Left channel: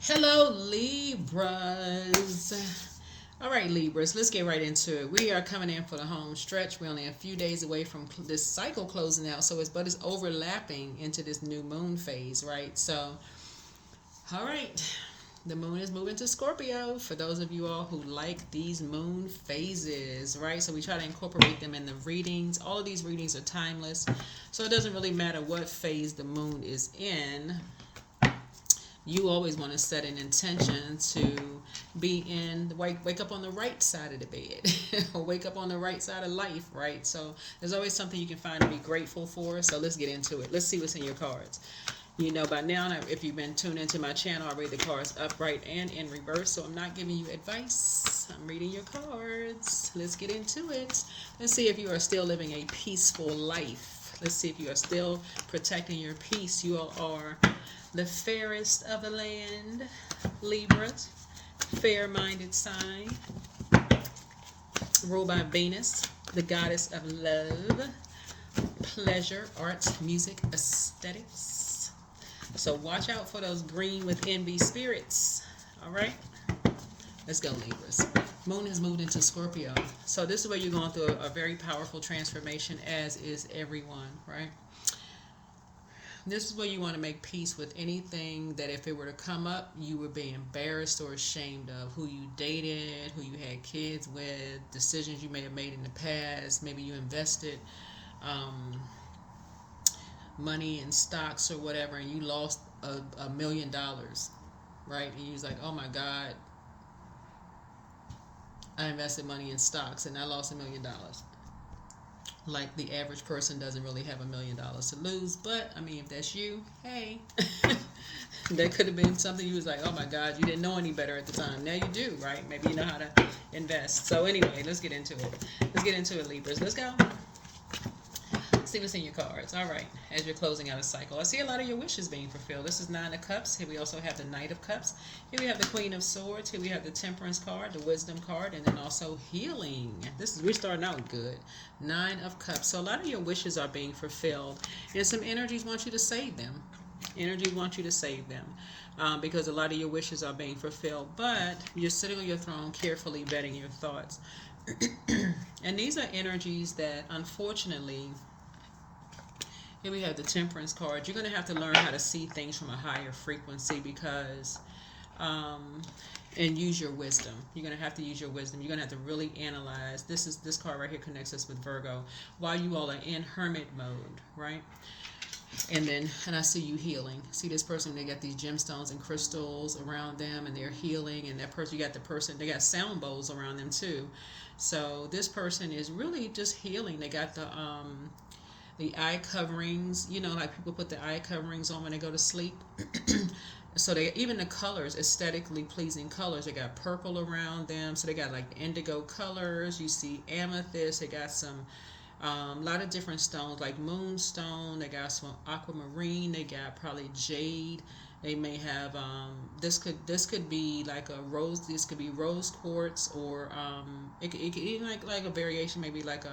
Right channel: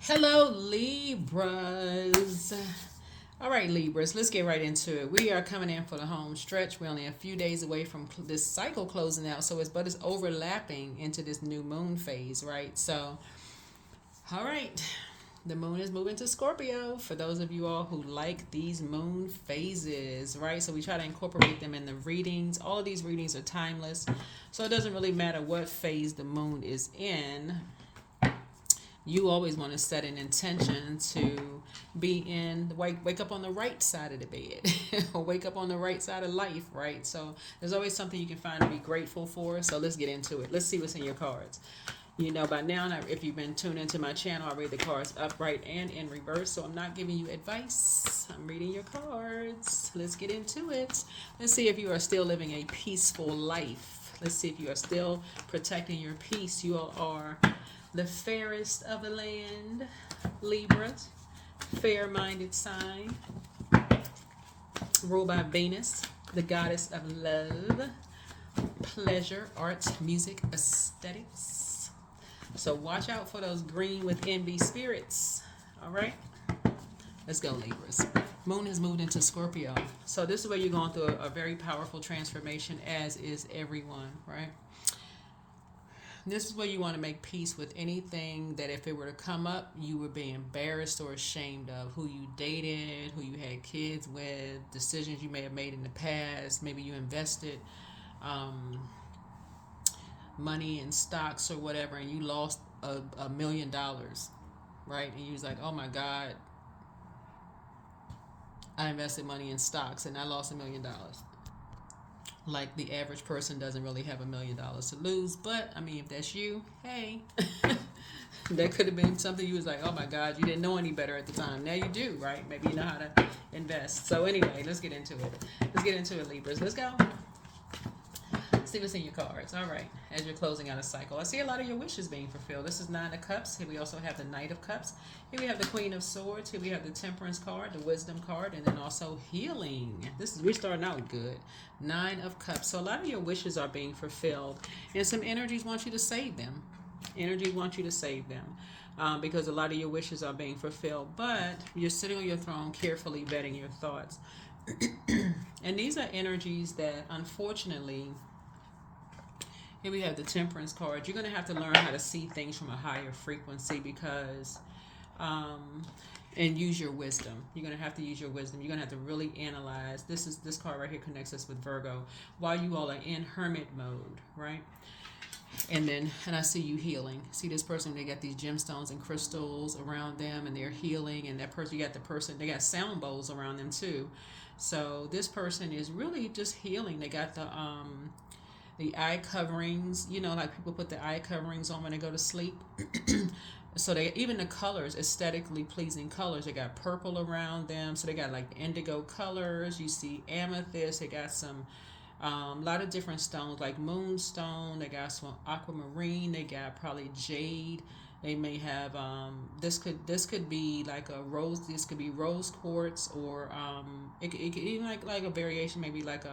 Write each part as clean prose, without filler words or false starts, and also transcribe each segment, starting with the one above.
Hello, Libras. All right, Libras, let's get right into it. We are coming in for the home stretch. We're only a few days away from this cycle closing out, so it's overlapping into this new moon phase, right? So, all right, the moon is moving to Scorpio. For those of you all who like these moon phases, right? So we try to incorporate them in the readings. All of these readings are timeless, so it doesn't really matter what phase the moon is in. You always want to set an intention to be in wake up on the right side of the bed or wake up on the right side of life, right? So there's always something you can find to be grateful for. So let's get into it. Let's see what's in your cards. You know by now, if you've been tuned into my channel, I read the cards upright and in reverse, so I'm not giving you advice. I'm reading your cards. Let's get into it. Let's see if you are still living a peaceful life. Let's see if you are still protecting your peace. You all are the fairest of the land, Libras, fair-minded sign, ruled by Venus, the goddess of love, pleasure, arts, music, aesthetics. So watch out for those green with envy spirits. All right, let's go, Libras. Moon has moved into Scorpio. So this is where you're going through a very powerful transformation, as is everyone, right? This is where you want to make peace with anything that if it were to come up, you would be embarrassed or ashamed of. Who you dated, who you had kids with, decisions you may have made in the past. Maybe you invested money in stocks or whatever and you lost $1 million, right? And you was like, oh my God, I invested money in stocks and I lost $1 million. Like the average person doesn't really have $1 million to lose, but I mean, if that's you, hey, that could have been something you was like, oh my God, you didn't know any better at the time. Now you do, right? Maybe you know how to invest. So anyway, let's get into it. Let's get into it, Libras. Let's go. Let's see what's in your cards. All right, as you're closing out a cycle, I see a lot of your wishes being fulfilled. This is Nine of Cups. Here we also have the Knight of Cups. Here we have the Queen of Swords. Here we have the Temperance card, the Wisdom card, and then also healing. We're starting out good. Nine of Cups. So a lot of your wishes are being fulfilled, and some energies want you to save them. Energy wants you to save them. Because a lot of your wishes are being fulfilled, but you're sitting on your throne carefully vetting your thoughts. And these are energies that, unfortunately, here we have the Temperance card. You're going to have to learn how to see things from a higher frequency because, and use your wisdom. You're going to have to use your wisdom. You're going to have to really analyze. This card right here connects us with Virgo. While you all are in hermit mode, right? And I see you healing. See this person, they got these gemstones and crystals around them and they're healing. And that person, they got sound bowls around them too. So this person is really just healing. They got the eye coverings, like people put the eye coverings on when they go to sleep. So they even the colors, aesthetically pleasing colors. They got purple around them, so they got like indigo colors. You see amethyst. They got some lot of different stones like moonstone. They got some aquamarine. They got probably jade. They may have this could be like a rose. This could be rose quartz, or it could even like a variation, maybe like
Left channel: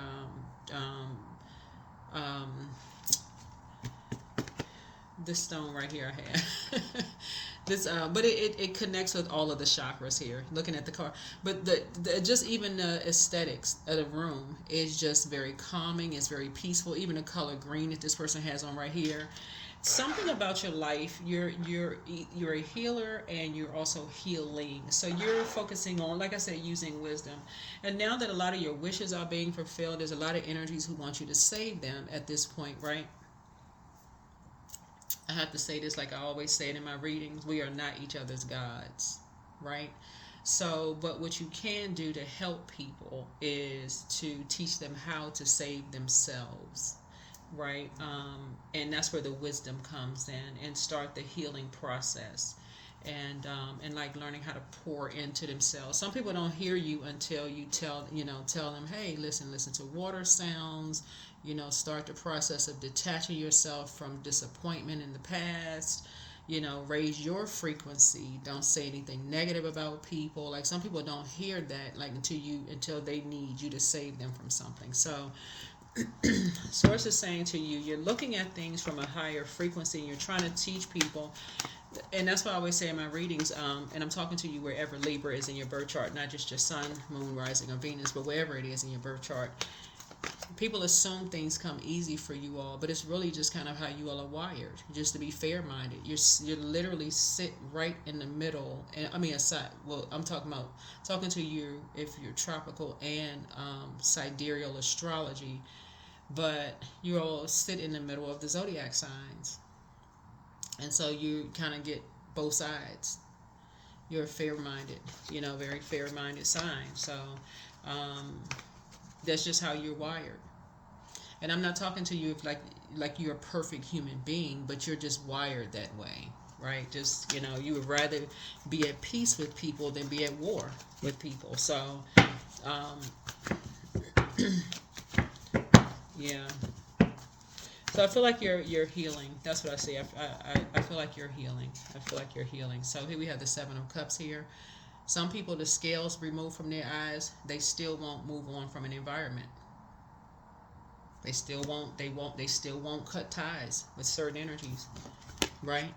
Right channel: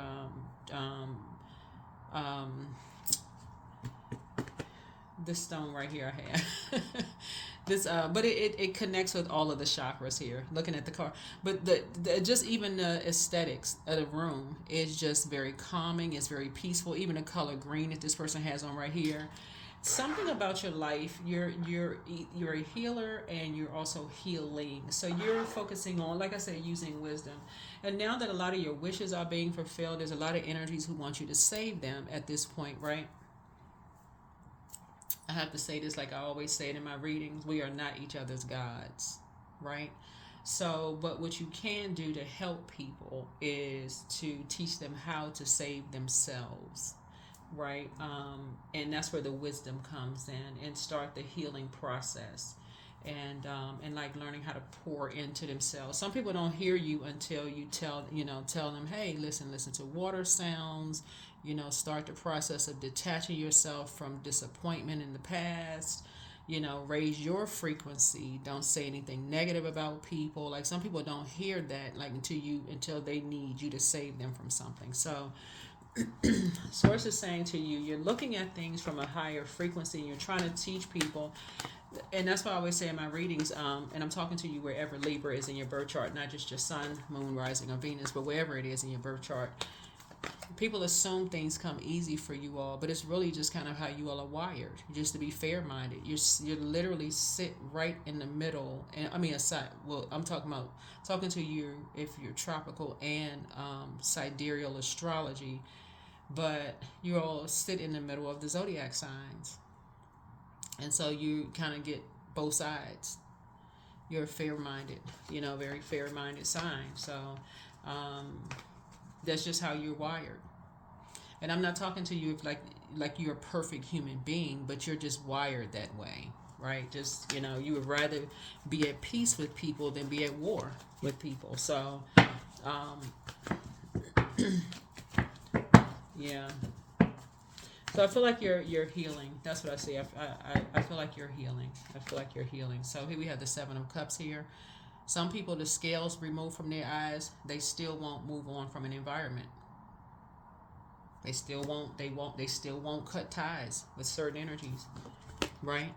um, this stone right here I have. This but it connects with all of the chakras here, looking at the card. But the just even the aesthetics of the room is just very calming. It's very peaceful. Even the color green that this person has on right here, something about your life. You're a healer and you're also healing. So you're focusing on, like I said, using wisdom. And now that a lot of your wishes are being fulfilled, there's a lot of energies who want you to save them at this point, right? I have to say this like I always say it in my readings. We are not each other's gods, right? So, but what you can do to help people is to teach them how to save themselves, right? And that's where the wisdom comes in, and start the healing process, and like learning how to pour into themselves. Some people don't hear you until you tell them, hey, listen to water sounds. Start the process of detaching yourself from disappointment in the past. Raise your frequency. Don't say anything negative about people. Like some people don't hear that like until they need you to save them from something. So Source is saying to you, you're looking at things from a higher frequency and you're trying to teach people And that's why I always say in my readings, and I'm talking to you wherever Libra is in your birth chart, not just your sun, moon, rising, or Venus, but wherever it is in your birth chart. People assume things come easy for you all, but it's really just kind of how you all are wired. Just to be fair-minded, you're literally sit right in the middle. And I mean, aside, well, I'm talking to you if you're tropical and sidereal astrology, but you all sit in the middle of the zodiac signs, and so you kind of get both sides. You're fair-minded, very fair-minded sign. So um, that's just how you're wired. And I'm not talking to you if like you're a perfect human being, but you're just wired that way, right? Just you would rather be at peace with people than be at war with people. So yeah. So I feel like you're healing. That's what I say. I feel like you're healing. I feel like you're healing. So here we have the Seven of Cups here. Some people, the scales removed from their eyes, they still won't move on from an environment. They still won't. They still won't cut ties with certain energies, right?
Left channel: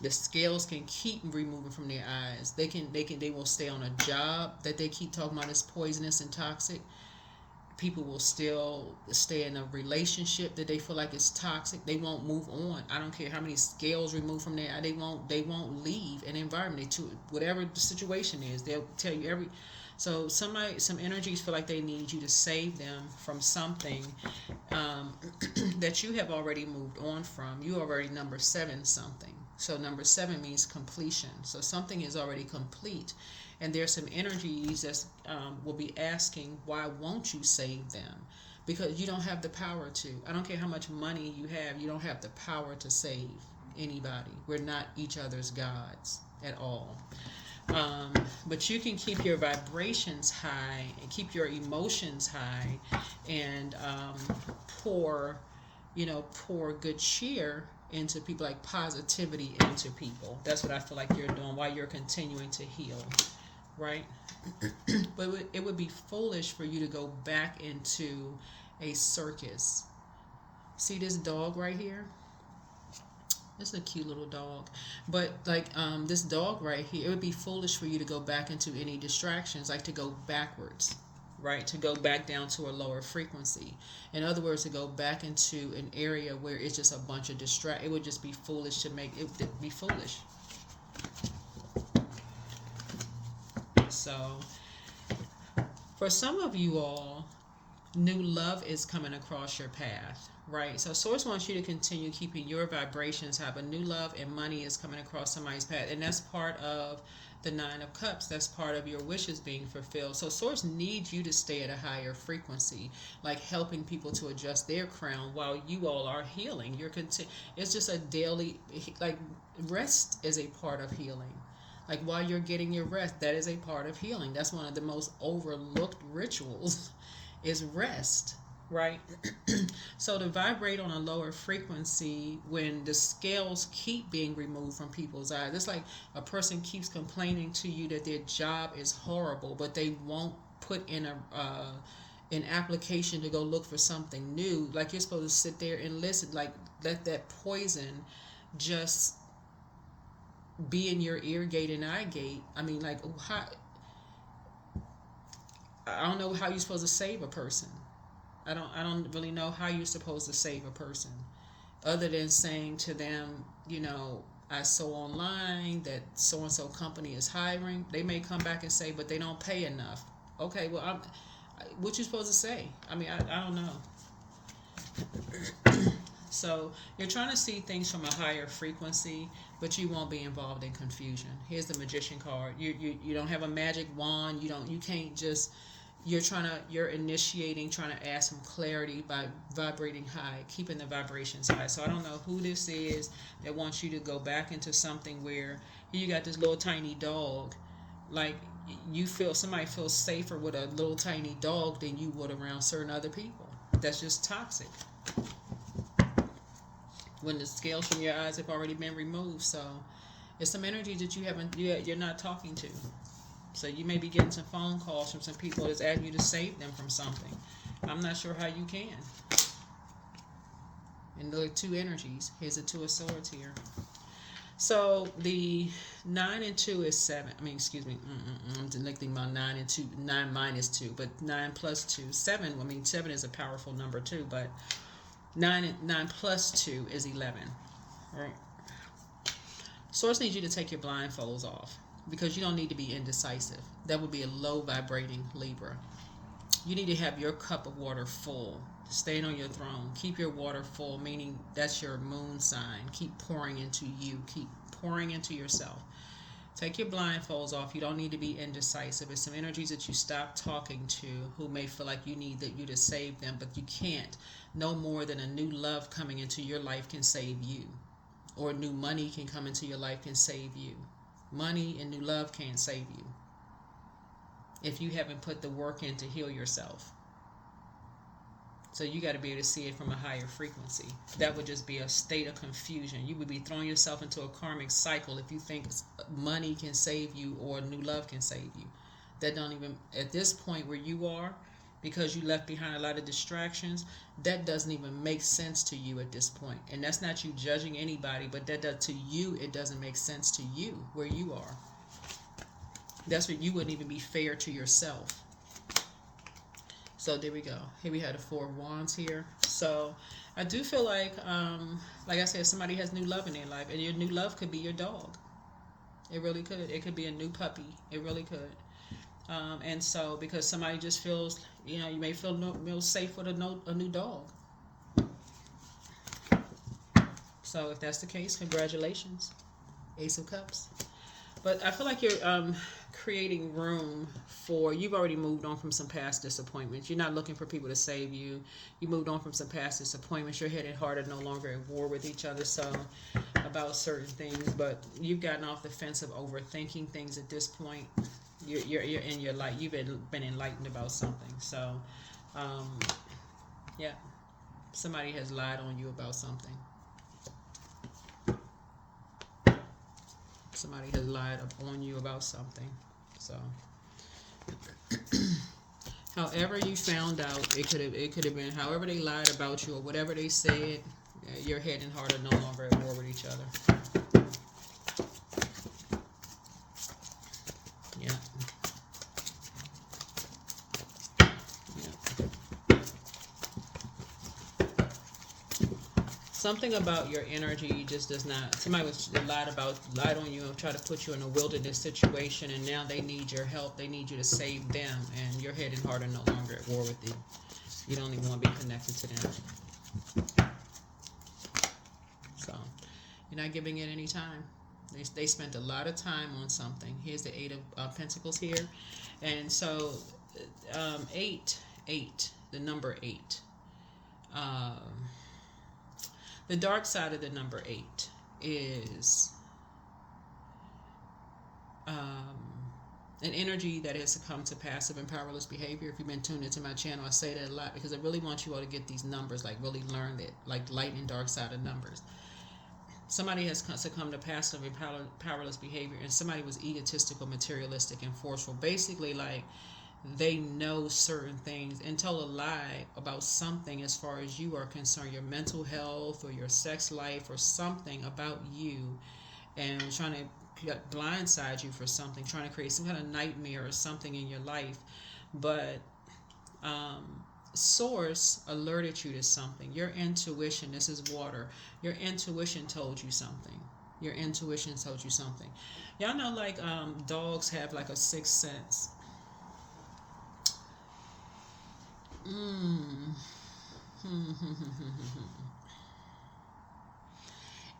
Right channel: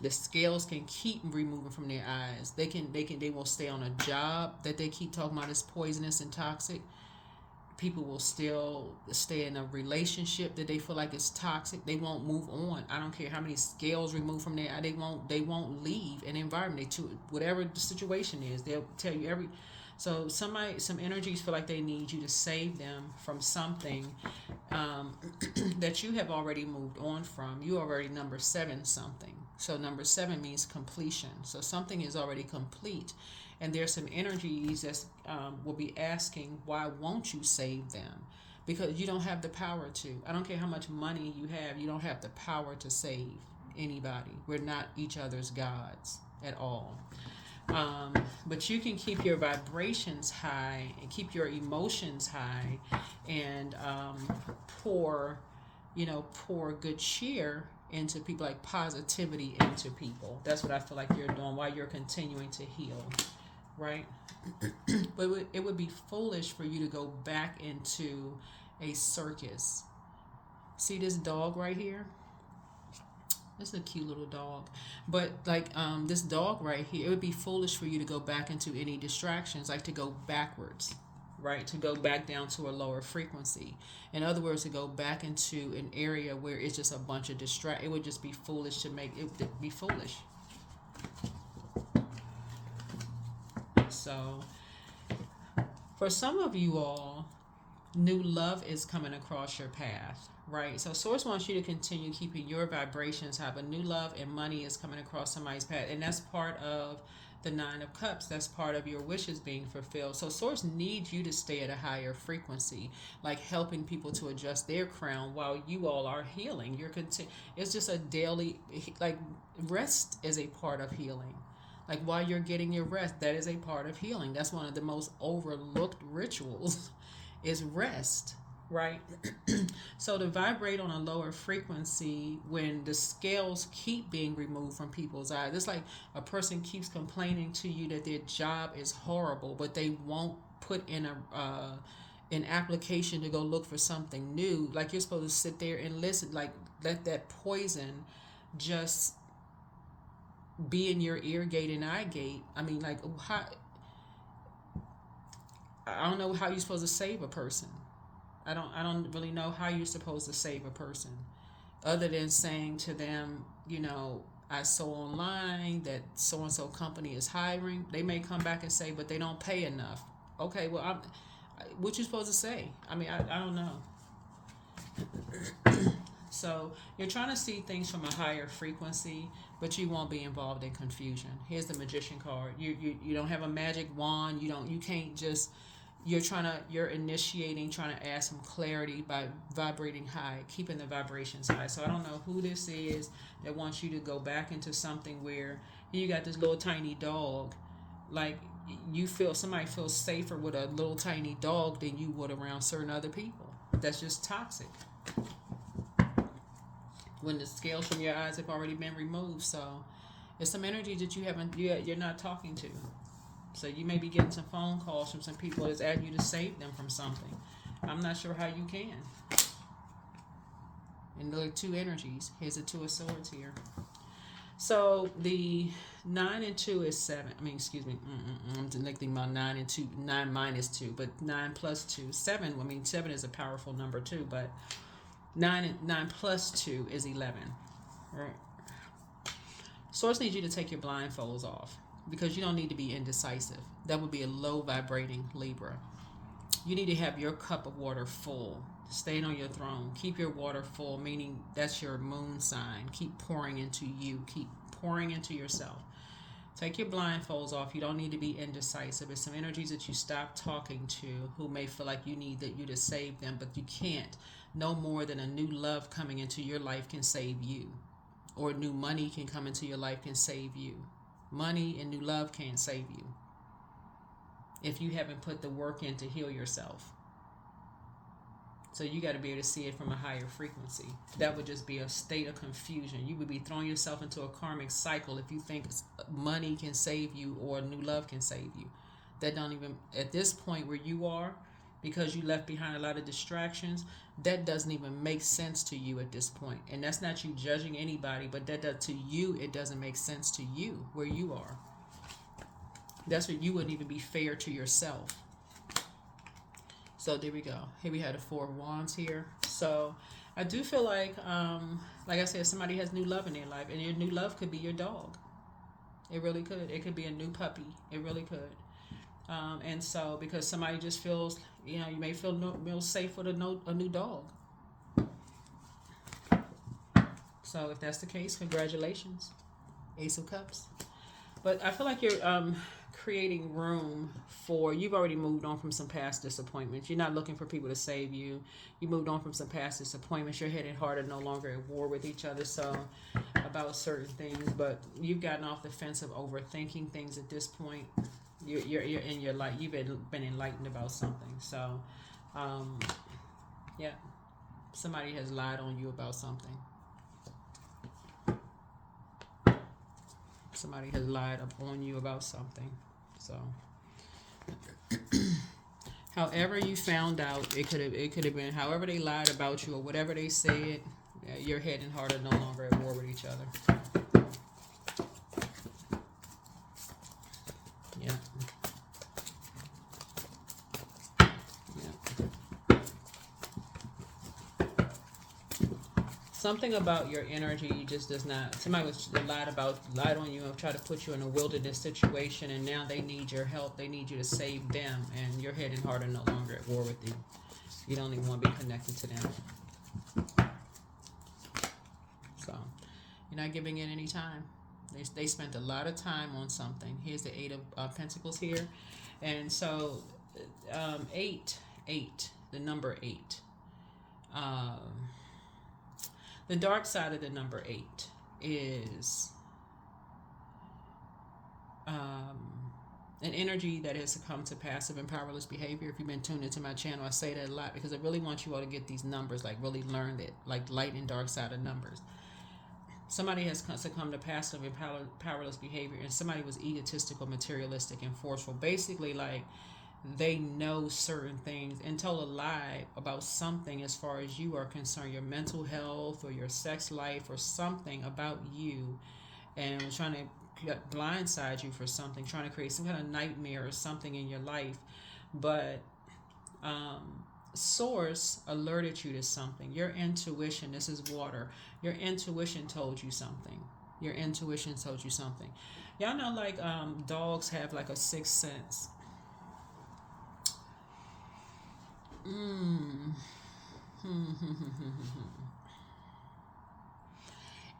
The scales can keep removing from their eyes. They will stay on a job that they keep talking about is poisonous and toxic. People will still stay in a relationship that they feel like is toxic. They won't move on. I don't care how many scales removed from their eye. They won't leave an environment. Whatever the situation is, they'll tell you every. So some energies feel like they need you to save them from something that you have already moved on from. You already number 7 something. So number 7 means completion. So something is already complete, and there's some energies that will be asking, why won't you save them? Because you don't have the power to. I don't care how much money you have. You don't have the power to save anybody. We're not each other's gods at all. But you can keep your vibrations high and keep your emotions high, and pour good cheer into people, like positivity into people. That's what I feel like you're doing while you're continuing to heal, right? But it would be foolish for you to go back into a circus. See this dog right here? It's a cute little dog. But this dog right here, it would be foolish for you to go back into any distractions, like to go backwards, right? To go back down to a lower frequency. In other words, to go back into an area where it's just a bunch of it would just be foolish to make it be foolish. So for some of you all, new love is coming across your path, right? So Source wants you to continue keeping your vibrations high, but new love and money is coming across somebody's path, and that's part of the 9 of Cups. That's part of your wishes being fulfilled. So Source needs you to stay at a higher frequency, like helping people to adjust their crown while you all are healing. It's just a daily, rest is a part of healing. Like while you're getting your rest, that is a part of healing. That's one of the most overlooked rituals is rest, right? So to vibrate on a lower frequency when the scales keep being removed from people's eyes, it's like a person keeps complaining to you that their job is horrible, but they won't put in an application to go look for something new. Like you're supposed to sit there and listen, like let that poison just be in your ear gate and eye gate. I mean, I don't know how you're supposed to save a person. I don't really know how you're supposed to save a person, other than saying to them, I saw online that so and so company is hiring. They may come back and say, but they don't pay enough. Okay, well, what you supposed to say? I mean, I don't know. So you're trying to see things from a higher frequency, but you won't be involved in confusion. Here's the Magician card. You don't have a magic wand. You can't just. You're initiating, trying to add some clarity by vibrating high, keeping the vibrations high. So I don't know who this is that wants you to go back into something where you got this little tiny dog, like somebody feels safer with a little tiny dog than you would around certain other people. That's just toxic. When the scales from your eyes have already been removed, so it's some energy that you're not talking to. So you may be getting some phone calls from some people that's asking you to save them from something. I'm not sure how you can. And there are 2 energies. Here's the 2 of Swords here. So the 9 and 2 is 7. I mean, excuse me. I'm neglecting my 9 and 2. 9 minus 2, but 9 plus 2, 7. I mean, 7 is a powerful number too, but 9 plus 2 is 11. Right. Source needs you to take your blindfolds off because you don't need to be indecisive. That would be a low vibrating Libra. You need to have your cup of water full. Staying on your throne. Keep your water full, meaning that's your moon sign. Keep pouring into you. Keep pouring into yourself. Take your blindfolds off. You don't need to be indecisive. It's some energies that you stop talking to who may feel like you need you to save them, but you can't. No more than a new love coming into your life can save you. Or new money can come into your life can save you. Money and new love can't save you if you haven't put the work in to heal yourself. So you got to be able to see it from a higher frequency. That would just be a state of confusion. You would be throwing yourself into a karmic cycle if you think money can save you or new love can save you. That don't even, at this point where you are, because you left behind a lot of distractions, that doesn't even make sense to you at this point. And that's not you judging anybody, but to you, it doesn't make sense to you where you are. That's what you wouldn't even be fair to yourself. So there we go. Here we had the 4 of Wands here. So I do feel like I said, somebody has new love in their life, and your new love could be your dog. It really could. It could be a new puppy. It really could. And so because somebody just feels, you may feel safe with a new dog. So if that's the case, congratulations. Ace of Cups. But I feel like you're creating room for, you've already moved on from some past disappointments. You're not looking for people to save you. You moved on from some past disappointments. Your head and heart are no longer at war with each other, so about certain things. But you've gotten off the fence of overthinking things at this point. You're in your light. You've been enlightened about something. So, yeah, somebody has lied on you about something. Somebody has lied on you about something. So, however you found out, it could have been however they lied about you or whatever they said. Your head and heart are no longer at war with each other. Yeah. Something about your energy just does not. Somebody was lied on you and tried to put you in a wilderness situation, and now they need your help. They need you to save them, and your head and heart are no longer at war with you. You don't even want to be connected to them. So you're not giving it any time. They spent a lot of time on something. Here's the 8 of Pentacles here, and so 8, the number 8. The dark side of the number 8 is an energy that has succumbed to passive and powerless behavior. If you've been tuned into my channel, I say that a lot because I really want you all to get these numbers, like really learn it, like light and dark side of numbers. Somebody has succumbed to passive and powerless behavior, and somebody was egotistical, materialistic, and forceful. Basically, like, they know certain things and told a lie about something as far as you are concerned, your mental health or your sex life or something about you, and trying to blindside you for something, trying to create some kind of nightmare or something in your life. But Source alerted you to something. Your intuition, this is water, your intuition told you something. Your intuition told you something. Y'all know, like, dogs have like a sixth sense.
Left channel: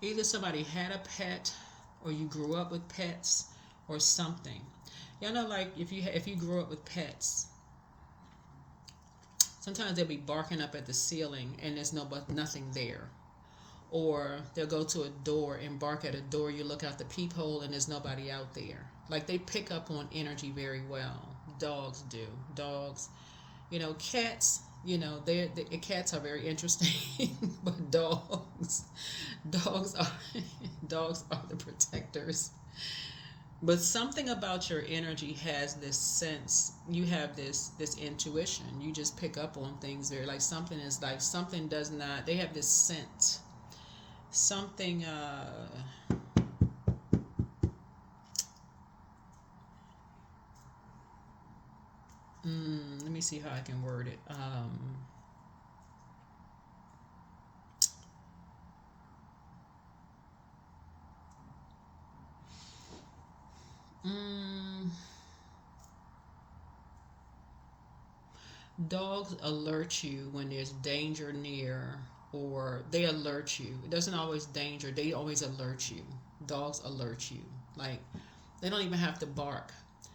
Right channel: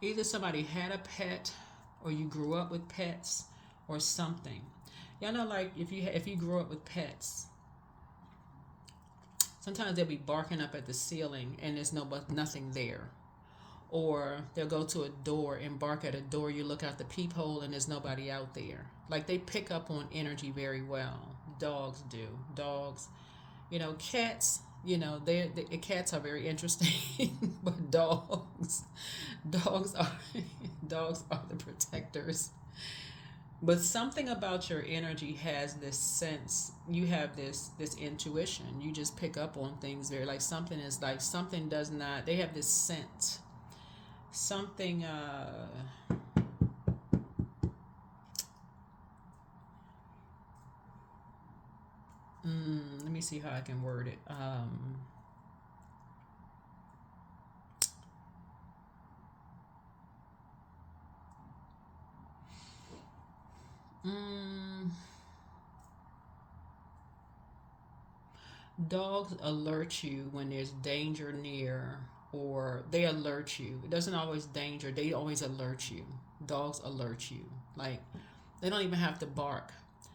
Either somebody had a pet, or you grew up with pets, or something. Y'all know, like, if you grew up with pets, sometimes they'll be barking up at the ceiling and there's nothing there. Or they'll go to a door and bark at a door. You look out the peephole and there's nobody out there. Like, they pick up on energy very well. Dogs do. Dogs. Cats, cats are very interesting, but dogs are the protectors. But something about your energy has this sense. You have this intuition. You just pick up on things very, like, something does not. They have this sense. Something. me see how I can word it. Mm, Dogs alert you when there's danger near, or they alert you. It doesn't always danger, they always alert you. Dogs alert you. Like, they don't even have to bark.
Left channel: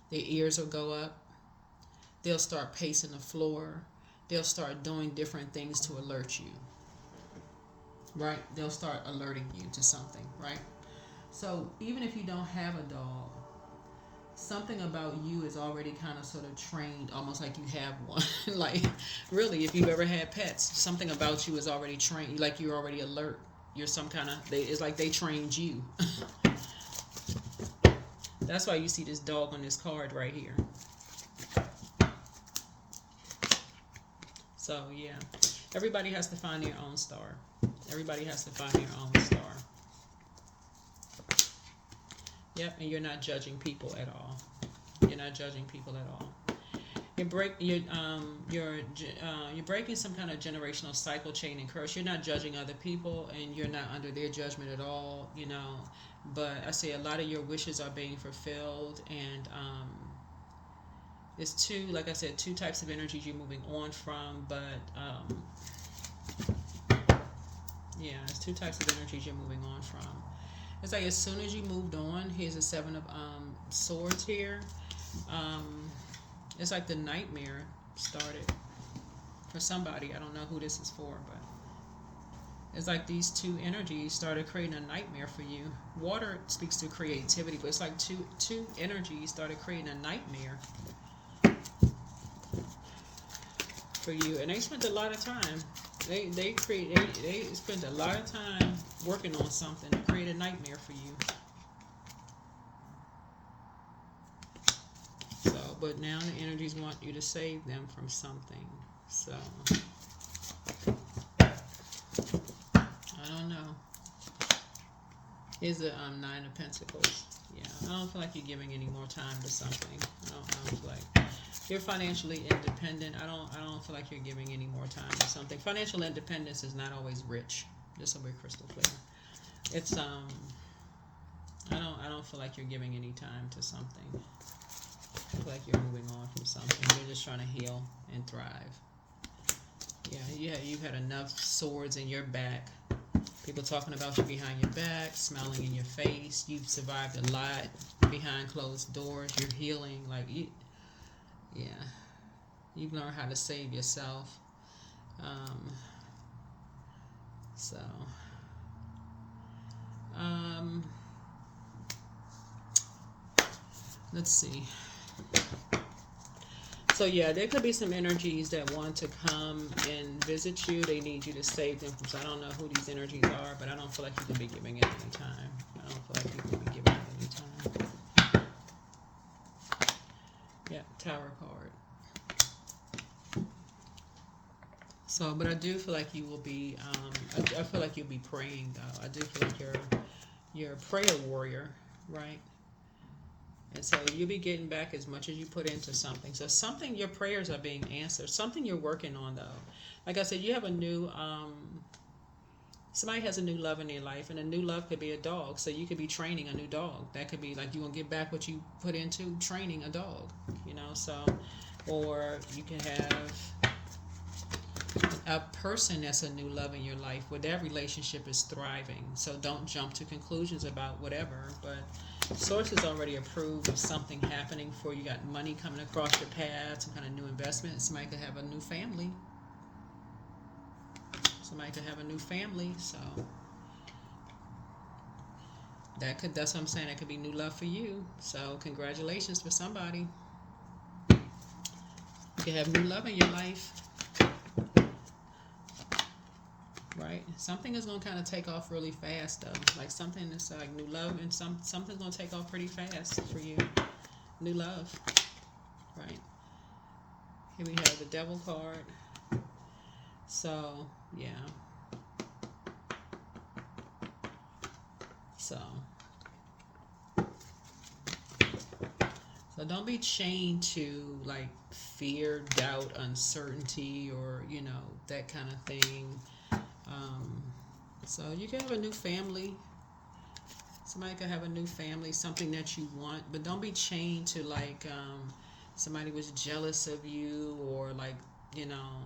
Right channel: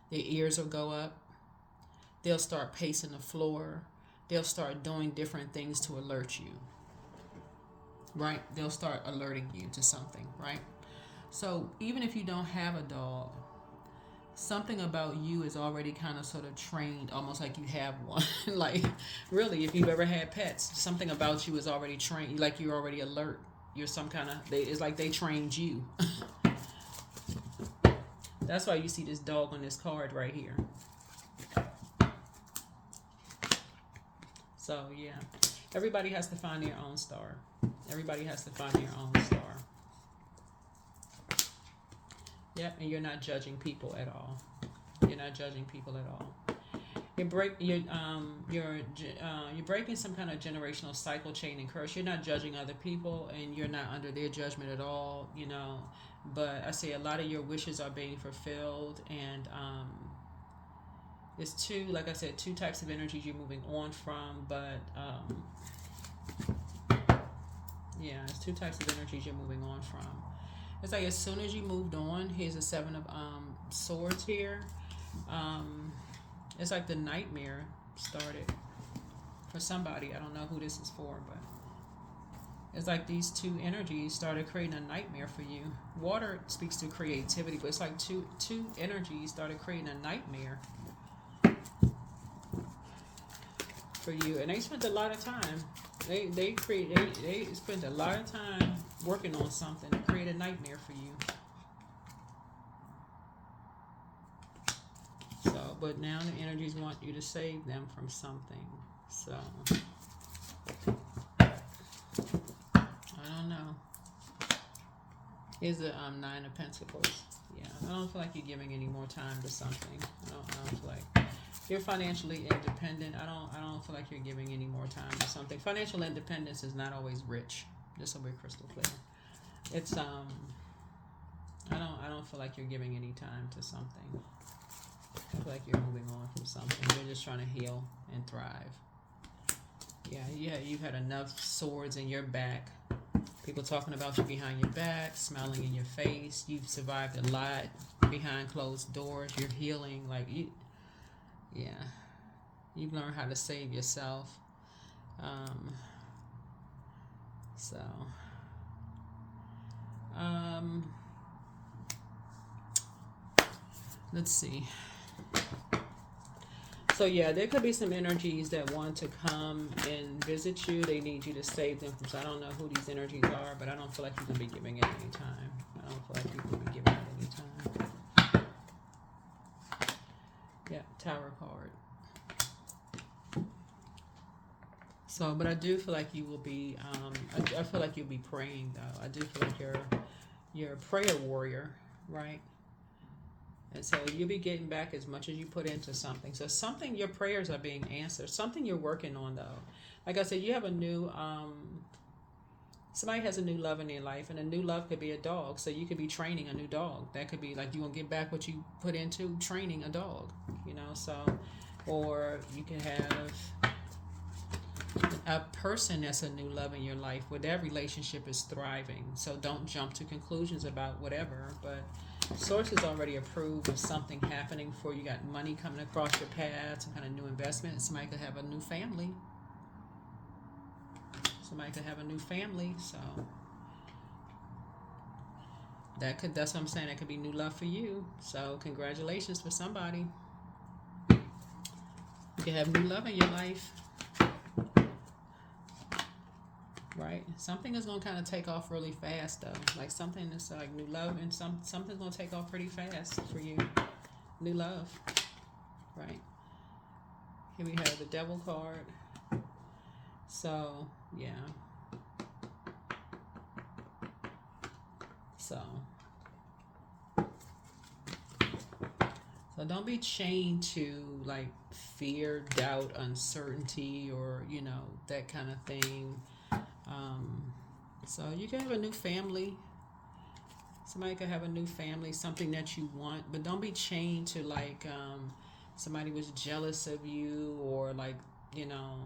Their ears will go up. They'll start pacing the floor. They'll start doing different things to alert you. Right? They'll start alerting you to something, right? So even if you don't have a dog, something about you is already kind of sort of trained, almost like you have one. Like, really, if you've ever had pets, something about you is already trained. Like, you're already alert. You're some kind of, it's like they trained you. That's why you see this dog on this card right here. So, yeah. Everybody has to find their own star. Everybody has to find their own star. Yep, and you're not judging people at all. You're not judging people at all. You're breaking some kind of generational cycle, chain, and curse. You're not judging other people, and you're not under their judgment at all. But I say a lot of your wishes are being fulfilled, and it's two, like I said, two types of energies you're moving on from. But yeah, it's two types of energies you're moving on from. It's like as soon as you moved on, here's the Seven of Swords here. It's like the nightmare started for somebody. I don't know who this is for, but it's like these two energies started creating a nightmare for you. Water speaks to creativity, but it's like two energies started creating a nightmare for you, and they spent a lot of time. They spent a lot of time working on something to create a nightmare for you. So, but now the energies want you to save them from something. So, I don't know. Here's the Nine of Pentacles. Yeah, I don't feel like you're giving any more time to something. I don't feel like you're financially independent. I don't feel like you're giving any more time to something. Financial independence is not always rich. Just so we're crystal clear. It's I don't feel like you're giving any time to something. I feel like you're moving on from something. You're just trying to heal and thrive. Yeah, you've had enough swords in your back. People talking about you behind your back, smiling in your face. You've survived a lot behind closed doors. You're healing. Like, you've learned how to save yourself. Let's see. So yeah, there could be some energies that want to come and visit you. They need you to save them from. So I don't know who these energies are, but I don't feel like you can be giving it any time. I don't feel like you can be giving it any time. Yeah, Tower card. So, but I do feel like you will be. I feel like you'll be praying though. I do feel like you're a prayer warrior, right? And so you'll be getting back as much as you put into something. So something, your prayers are being answered. Something you're working on, though. Like I said, you have a new, somebody has a new love in their life, and a new love could be a dog. So you could be training a new dog. That could be like you want to get back what you put into training a dog, so, or you can have a person that's a new love in your life where that relationship is thriving. So don't jump to conclusions about whatever, but source is already approved of something happening for you. You got money coming across your path, some kind of new investment. Somebody could have a new family. So that's what I'm saying. That could be new love for you. So congratulations for somebody. You can have new love in your life. Right? Something is going to kind of take off really fast, though. Like something that's like new love, and something's going to take off pretty fast for you. New love. Right? Here we have the Devil card. So, yeah. So But don't be chained to like fear, doubt, uncertainty, or that kind of thing. So you can have a new family. Somebody could have a new family, something that you want, but don't be chained to like somebody was jealous of you, or like you know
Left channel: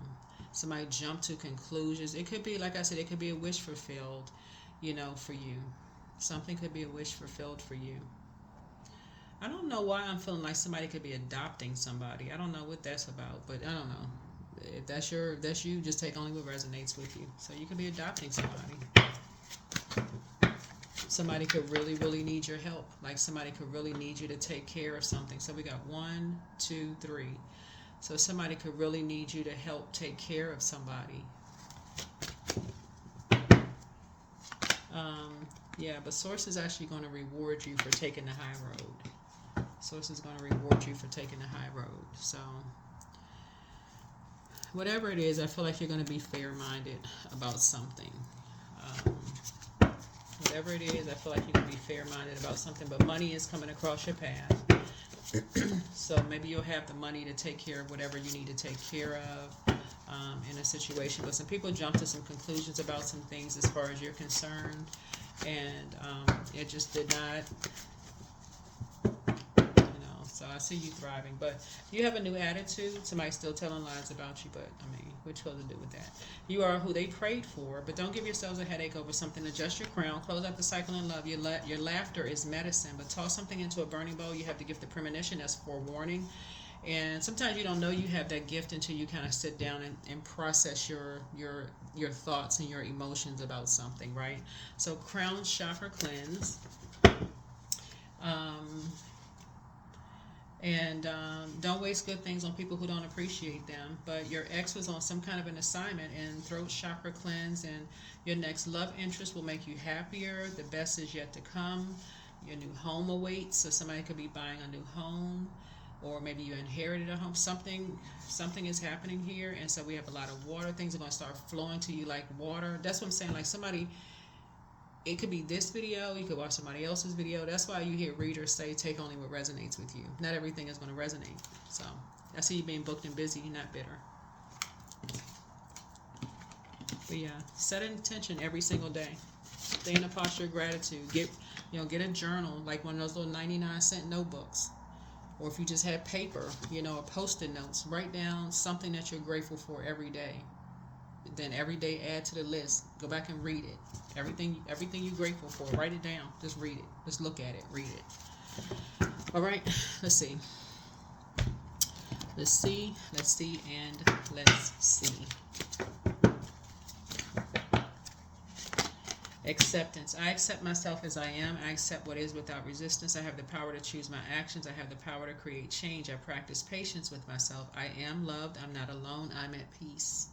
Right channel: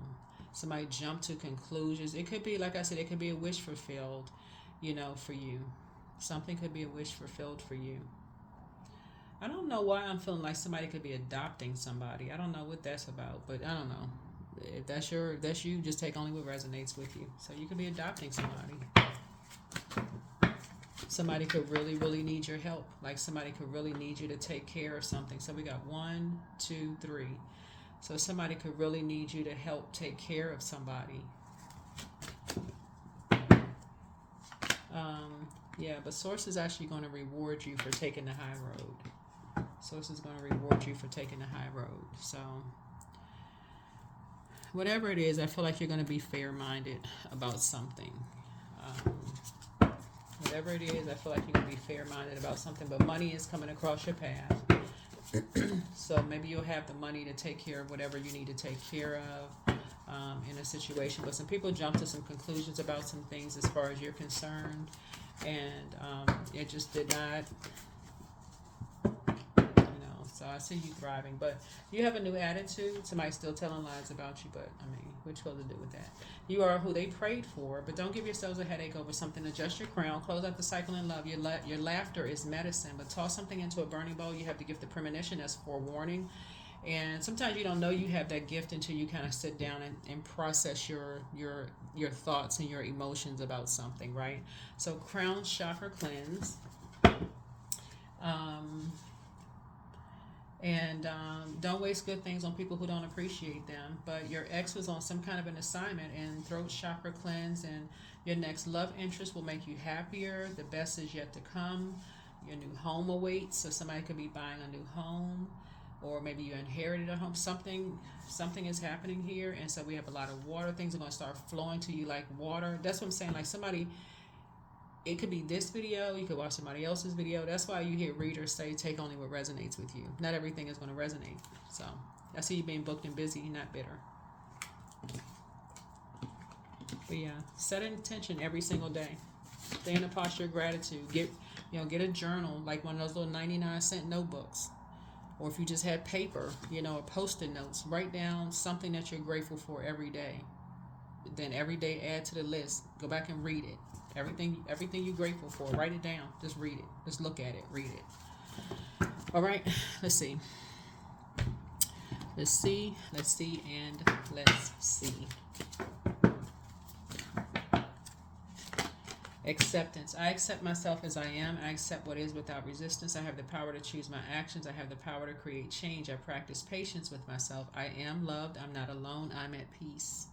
somebody jumped to conclusions. It could be, like I said, it could be a wish fulfilled, for you. Something could be a wish fulfilled for you. I don't know why I'm feeling like somebody could be adopting somebody. I don't know what that's about, but I don't know. If that's you, just take only what resonates with you. So you could be adopting somebody. Somebody could really, really need your help. Like somebody could really need you to take care of something. So we got 1, 2, 3. So somebody could really need you to help take care of somebody. Yeah, but Source is actually going to reward you for taking the high road. Source is going to reward you for taking the high road. So whatever it is, I feel like you're going to be fair-minded about something. Whatever it is, I feel like you're going to be fair-minded about something. But money is coming across your path. So maybe you'll have the money to take care of whatever you need to take care of in a situation. But some people jump to some conclusions about some things as far as you're concerned. And it just did not, so I see you thriving. But you have a new attitude. Somebody's still telling lies about you, but I mean, what's supposed to do with that? You are who they prayed for, but don't give yourselves a headache over something. Adjust your crown, close out the cycle in love. Your laughter is medicine, but toss something into a burning bowl. You have to give the premonition as forewarning. And sometimes you don't know you have that gift until you kind of sit down and process your thoughts and your emotions about something, right? So crown chakra cleanse. And don't waste good things on people who don't appreciate them. But your ex was on some kind of an assignment, and throat chakra cleanse, and your next love interest will make you happier. The best is yet to come. Your new home awaits. So somebody could be buying a new home, or maybe you inherited a home. Something is happening here, and so we have a lot of water. Things are going to start flowing to you like water. That's what I'm saying. Like somebody, it could be this video, you could watch somebody else's video. That's why you hear readers say, take only what resonates with you. Not everything is going to resonate. So I see you being booked and busy, not bitter. But yeah, set an intention every single day. Stay in a posture of gratitude. Get a journal, like one of those little 99-cent notebooks. Or if you just had paper, or post-it notes, write down something that you're grateful for every day. Then every day add to the list. Go back and read it. Everything you're grateful for, write it down. Just read it. Just look at it. Read it. All right. Let's see. Let's see, and let's see. Acceptance. I accept myself as I am. I accept what is without resistance. I have the power to choose my actions. I have the power to create change. I practice patience with myself. I am loved. I'm not alone. I'm at peace.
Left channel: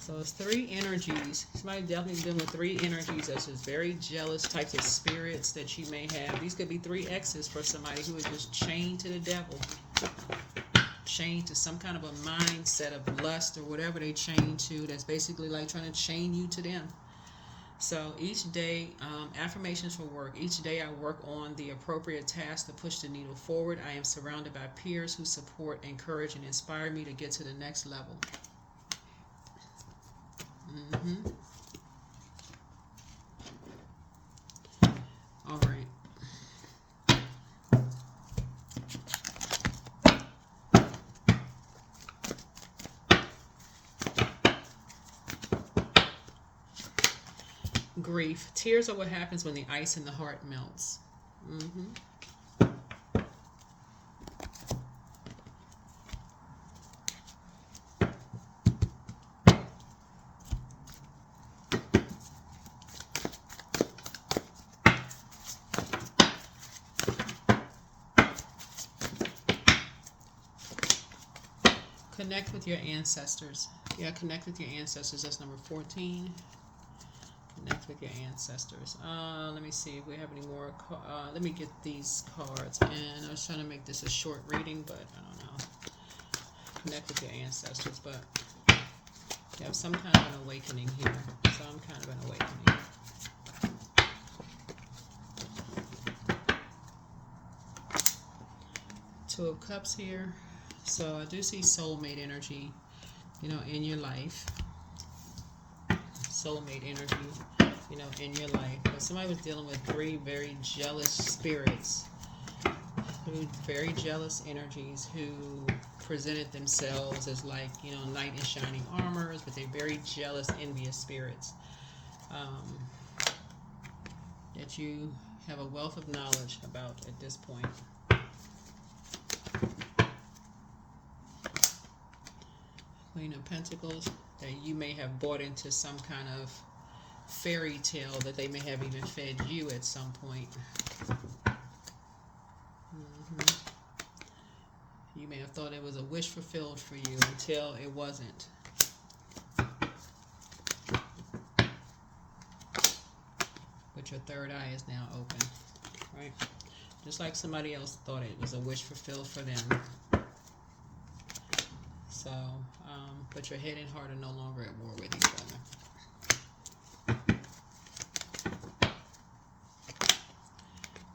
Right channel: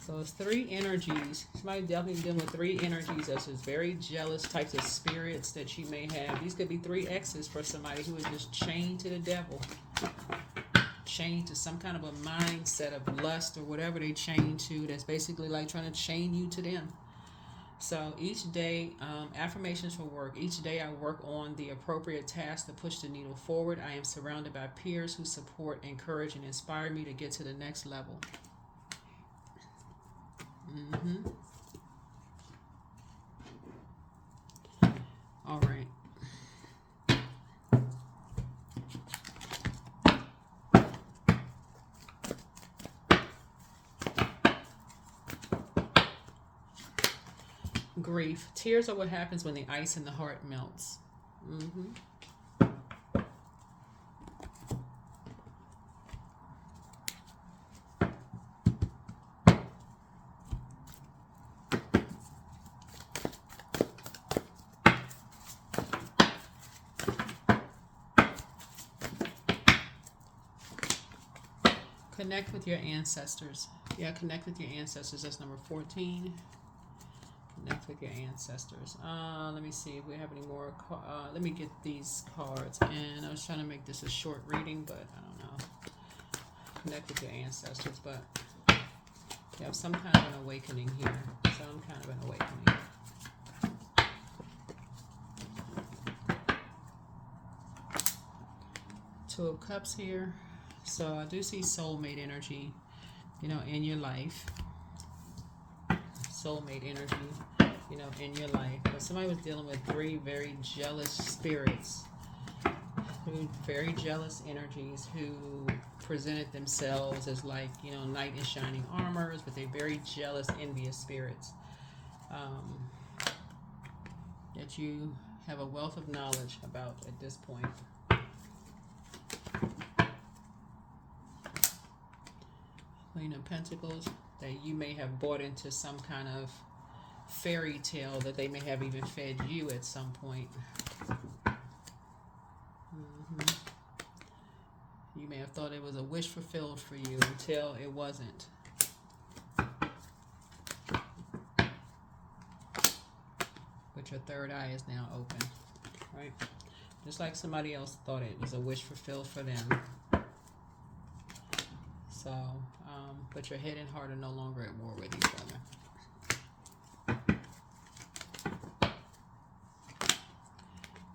So it's 3 energies. Somebody definitely dealing with 3 energies. That's just very jealous types of spirits that you may have. These could be 3 exes for somebody who is just chained to the devil. Chained to some kind of a mindset of lust or whatever they chain to. That's basically like trying to chain you to them. So each day, affirmations for work. Each day I work on the appropriate task to push the needle forward. I am surrounded by peers who support, encourage, and inspire me to get to the next level. All right. Grief. Tears are what happens when the ice in the heart melts. Connect with your ancestors. Yeah, connect with your ancestors. That's number 14. Connect with your ancestors. Let me see if we have any more. Let me get these cards. And I was trying to make this a short reading, but I don't know. Connect with your ancestors, but you have some kind of an awakening here. Some kind of an awakening. Two of Cups here. So I do see soulmate energy, you know, in your life. Soulmate energy, you know, in your life. But somebody was dealing with three very jealous spirits, very jealous energies, who presented themselves as like, you know, knight in shining armors, but they're very jealous, envious spirits. That you have a wealth of knowledge about at this point. Queen of Pentacles, that you may have bought into some kind of fairy tale that they may have even fed you at some point. You may have thought it was a wish fulfilled for you until it wasn't. But your third eye is now open, right? Just like somebody else thought it was a wish fulfilled for them. So, but your head and heart are no longer at war with each other.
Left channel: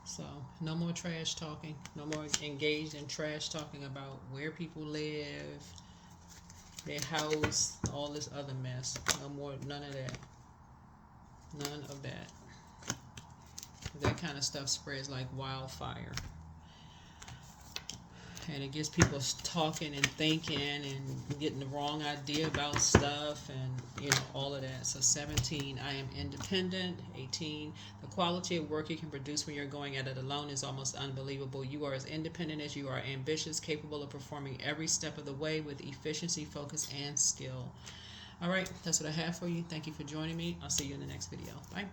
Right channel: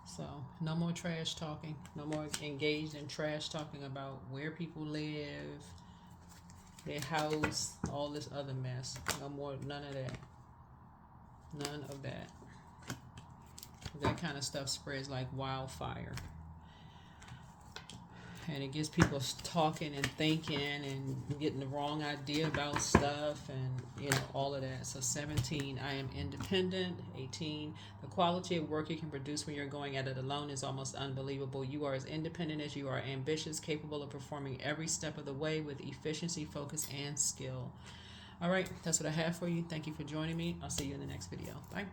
So, no more trash talking. No more engaged in trash talking about where people live, their house, all this other mess. No more, none of that. None of that. That kind of stuff spreads like wildfire. And it gets people talking and thinking and getting the wrong idea about stuff and, you know, all of that. So 17, I am independent. 18, the quality of work you can produce when you're going at it alone is almost unbelievable. You are as independent as you are ambitious, capable of performing every step of the way with efficiency, focus, and skill. All right, that's what I have for you. Thank you for joining me. I'll see you in the next video. Bye.